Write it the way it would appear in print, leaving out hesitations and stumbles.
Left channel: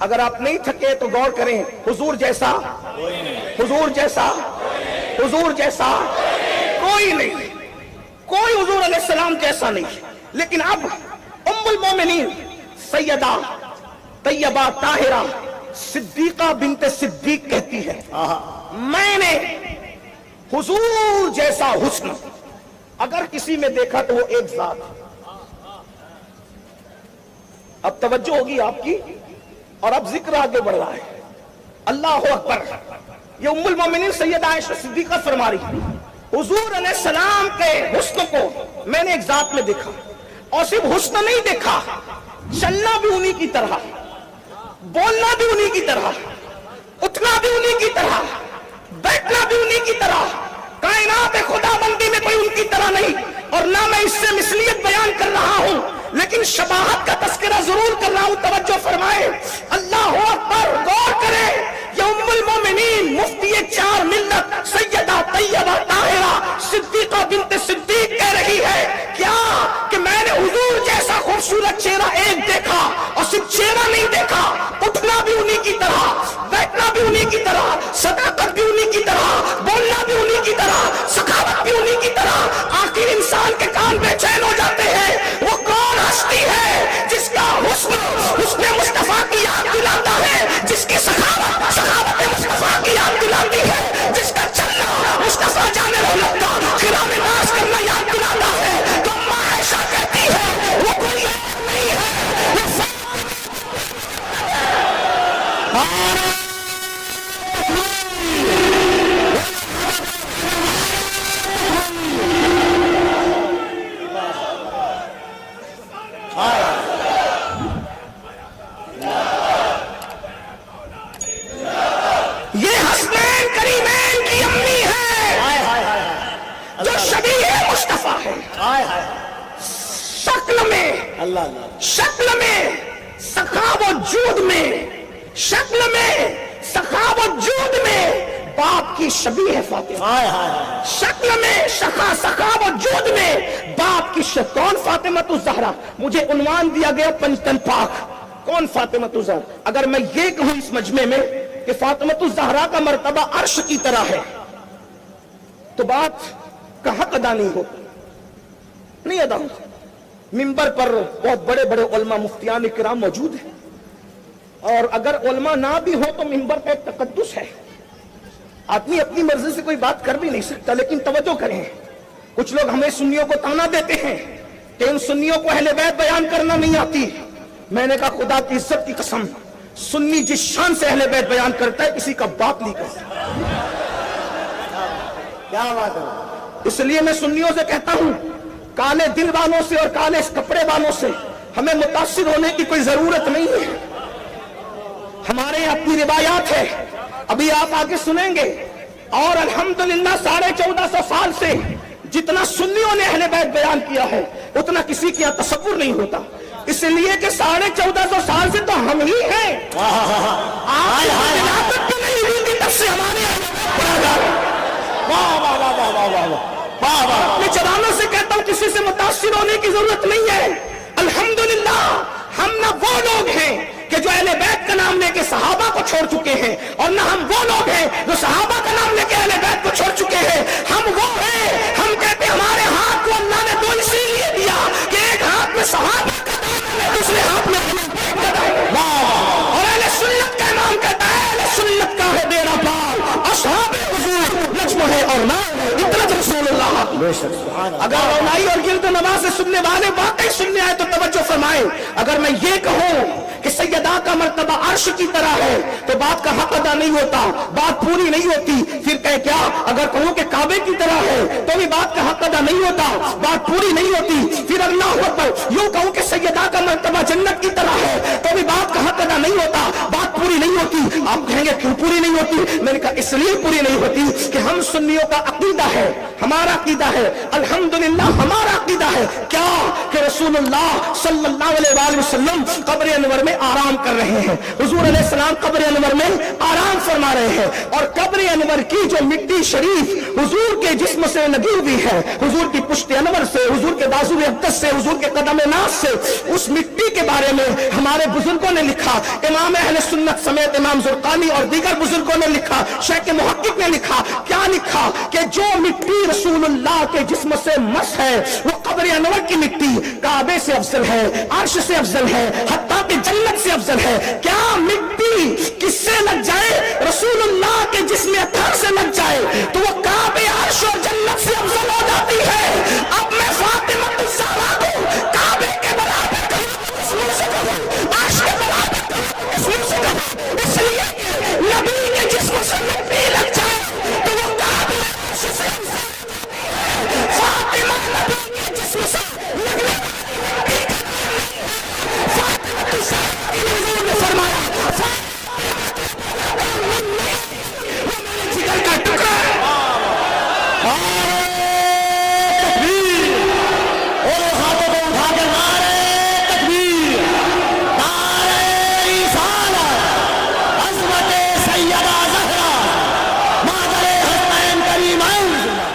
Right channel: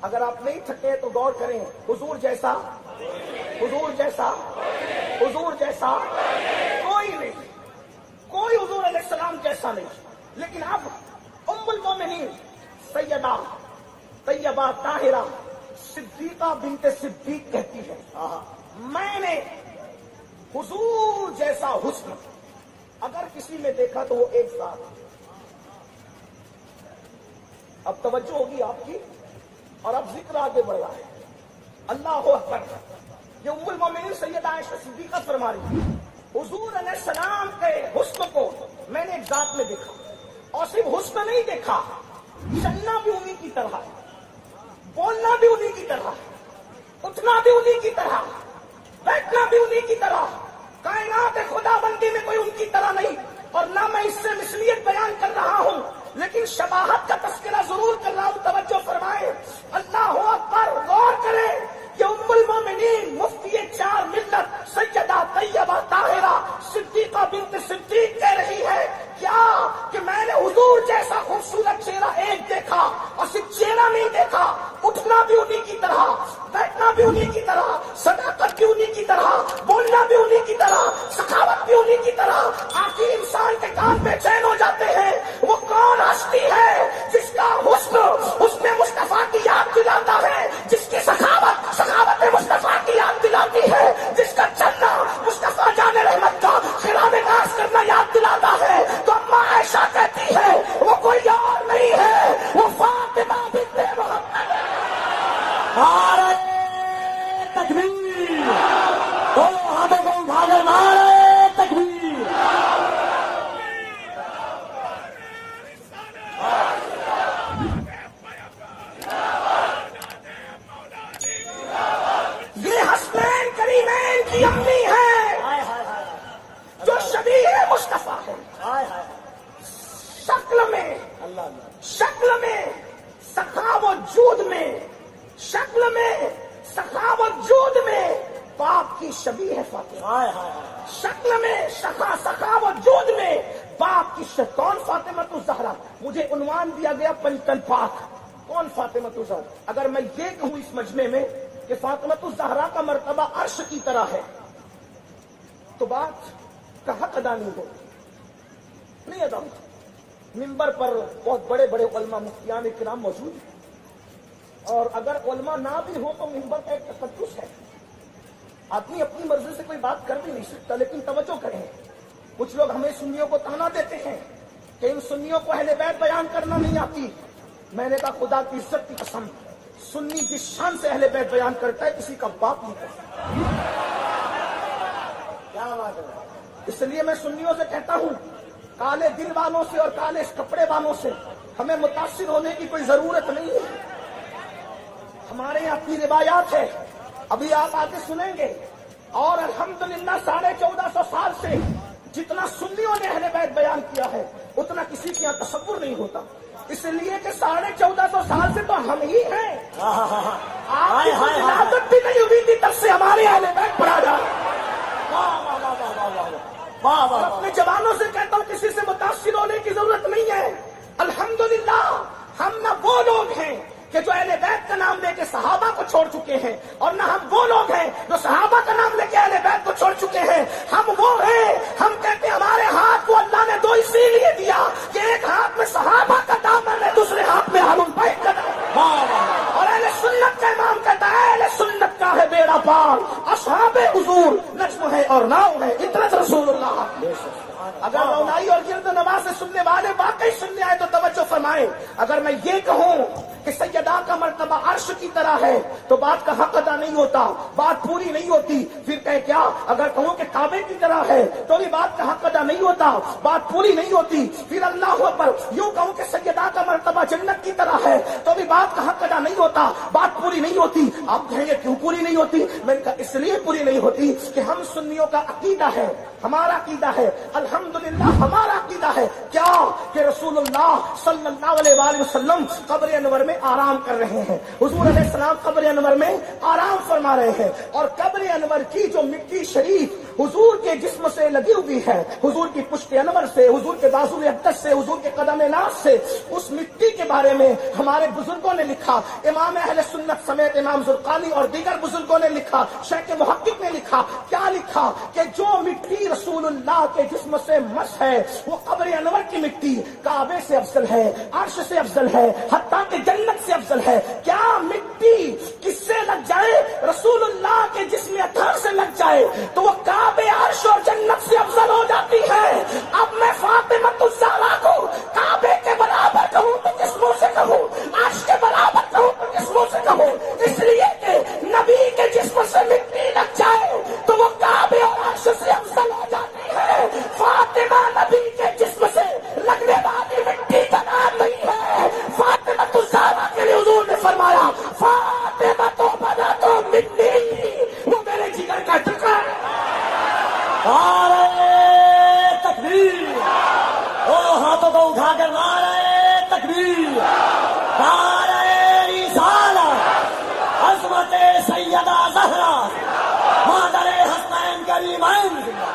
اگر آپ نہیں تھکے تو غور کریں، حضور جیسا حضور جیسا حضور جیسا کوئی نہیں، کوئی حضور علیہ السلام جیسا نہیں۔ لیکن اب ام المومنین سیدہ طیبہ طاہرہ صدیقہ بنت صدیق کہتی ہے میں نے حضور جیسا حسن اگر کسی میں دیکھا تو وہ ایک ذات۔ اب توجہ ہوگی آپ کی، اور اب ذکر آگے بڑھ رہا ہے۔ اللہ اکبر، یہ ام المومنین سیدہ عائشہ صدیقہ فرما رہی ہے حضور علیہ السلام کے حسن کو میں نے ایک ذات میں دیکھا، اور صرف حسن نہیں دیکھا، چلنا بھی انہی کی طرح، بولنا بھی انہی کی طرح، اٹھنا بھی انہی کی طرح، بیٹھنا بھی انہی کی طرح۔ کائنات خدا بندی میں کوئی ان کی طرح نہیں، اور نہ میں اس سے مثلیت بیان کر رہا ہوں، لیکن شباہت کا تذکرہ ضرور کر رہا ہوں۔ توجہ فرمائے، اللہ اکبر، غور کرے، یہ ام المومنین مفتی چار ملت سیدہ طیبہ طاہرہ صدیقہ بنت صدیق کہہ رہی ہے کیا کہ میں نے حضور جیسا خوبصورت چہرہ ایک دیکھا، اور صرف چہرہ نہیں دیکھا، اٹھنا بھی انہی کی طرح، بیٹھنا بھی انہی کی طرح، صداقت بھی انہی کی طرح، بولنا بھی انہی کی طرح، سخاوت بھی انہی کی طرح۔ آخر انسان کے کان بے چین ہو جاتے ہیں، وہ کون ہستی ہے جس کا حسن مصطفیٰ کی یاد دلاتا ہے، جس کی سخاوت مصطفیٰ کی یاد دلاتی ہے، جس کا چلنا مصطفیٰ جان رحمت کا خراج ناز کرنا یاد دلاتا ہے۔ تو اماں عائشہ کہتی ہے وہ کوئی اور نہیں ہے، وہ فاطمہ بنت محمد ہے۔ یہ حسنین کریمین کی امی ہے جو شبیہ مصطفیٰ ہے، شکل میں سخاوت و جود میں، شکل میں سخاوت و جود میں باپ کی شبیہ ہے فاطمہ، شکل میں سخاوت و جود میں باپ کی کون؟ فاطمہ الزہرا۔ مجھے عنوان دیا گیا پنجتن پاک، کون؟ فاطمہ الزہرا۔ اگر میں یہ کہوں اس مجمع میں کہ فاطمہ الزہرا کا مرتبہ عرش کی طرح ہے تو بات کا حق ادا نہیں ہو، نہیں ادا ہو۔ منبر پر بہت بڑے بڑے علماء مفتیان کرام موجود ہیں، اور اگر علماء نہ بھی ہو تو منبر کا ایک تقدس ہے، آدمی اپنی مرضی سے کوئی بات کر بھی نہیں سکتا۔ لیکن توجہ کریں، کچھ لوگ ہمیں سنیوں کو تانا دیتے ہیں کہ ان سنیوں کو اہل بیت بیان کرنا نہیں آتی۔ میں نے کہا خدا کی عزت کی قسم، سنی جس شان سے اہل بیت بیان کرتا ہے کسی کا باپ نہیں کرتا۔ کیا بات ہے؟ اس لیے میں سنیوں سے کہتا ہوں کالے دل والوں سے اور کالے کپڑے والوں سے ہمیں متاثر ہونے کی کوئی ضرورت نہیں ہے۔ ہمارے اپنی روایات ہے، ابھی آپ آگے سنیں گے، اور الحمدللہ 1450 سال سے جتنا سنیوں نے اہل بیت بیان کیا ہے اتنا کسی کے یہاں تصور نہیں ہوتا، اس لیے کہ 1450 سال سے تو ہم ہی ہیں۔ آپ بھی نہیں ہوئی تھی تب سے ہمارے اہل بیت برادر۔ میں جوانوں سے کہتا ہوں کسی سے متاثر ہونے کی ضرورت نہیں ہے۔ الحمدللہ ہم نہ وہ لوگ ہیں کہ جو اہل بیت کا نام لے کے صحابہ کو چھوڑ چکے ہیں، اور نہ ہم وہ لوگ ہیں جو صحابہ کا نام لے کے اہل بیت کو چھوڑ چکے ہیں۔ ہم وہ ہیں، ہم کہتے ہیں ہمارے ہاتھ کو اللہ نے دو اسی لیے دیا کہ ایک ہاتھ میں صحابہ کا دامن ہے، دوسرے ہاتھ میں اہل بیت کا دامن ہے۔ اور اہل سنت کا امام کہتا ہے اہل سنت کا ہے ڈیرا پال، اصحاب حضور نجم ہے اور نام ہے ادرج رسول اللہ۔ اگر رونائی اور گرد و نواز سے سننے والے واقعی سننے آئے تو توجہ فرمائے، اگر میں یہ کہوں کہ سیدہ کا مرتبہ عرش کی طرح ہے تو بات کا حق ادا نہیں ہوتا، بات پوری نہیں ہوتی۔ پھر کہ کیا اگر کہوں کہ کعبے کی طرح ہے تو بھی بات کا حق ادا نہیں ہوتا، بات پوری نہیں ہوتی۔ پھر اللہ اکبر یوں کہوں کہ سیدہ کا مرتبہ جنت کی طرح ہے تو بھی بات کا حق ادا نہیں ہوتا، بات پوری نہیں ہوتی۔ آپ کہیں گے کیوں پوری نہیں ہوتی؟ میں نے کہا اس لیے پوری نہیں ہوتی کہ ہم سنیوں کا عقیدہ ہے، ہمارا عقیدہ ہے، الحمدللہ ہمارا عقیدہ ہے کیا کہ رسول اللہ صلی اللہ اللہ علیہ وسلم قبر انور میں آرام کر رہے ہیں. حضور علیہ السلام قبر انور میں آرام فرما رہے ہیں اور قبر انور کی جو مٹی شریف حضور کے جسم سے لگی ہوئی ہے, حضور کی پشت انور سے, حضور کے بازو اقدس سے, حضور کے قدم ناز سے, اس مٹی کے بارے میں ہمارے بزرگوں نے لکھا. امام اہل سنت سمیت امام زرقانی اور دیگر بزرگوں نے لکھا, شیخ محقق نے لکھا. کیا لکھا کہ جو مٹی رسول اللہ کے جسم سے مس ہے وہ قبر انور کی مٹی کعبے سے افضل ہے, عرش سے افضل ہے, حتیٰ کہ جنت سے افضل ہے. کیا مٹی کس سے لگ جائے؟ رسول اللہ کے جسم اطہر سے لگ جائے تو وہ کعبے, عرش اور جنت سے افضل ہو جاتی ہے. اب میں فاطمہ الزہرا کو کعبے کے برابر کہوں تو کس منہ سے کہوں, عرش کے برابر کہوں تو کس منہ سے کہوں؟ اس لیے کہ نبی کے جسم سے مٹی لگ جائے تو وہ کعبے اور عرش سے افضل ہو جاتی ہے. فاطمہ نبی کے جسم سے لگنے والی مٹی کا نام نہیں ہے. فاطمہ الزہرا کے حضور نے فرمایا فاطمہ تو بلد منی, وہ میرے جگر کا ٹکڑا ہے. مادر حسنین کریمین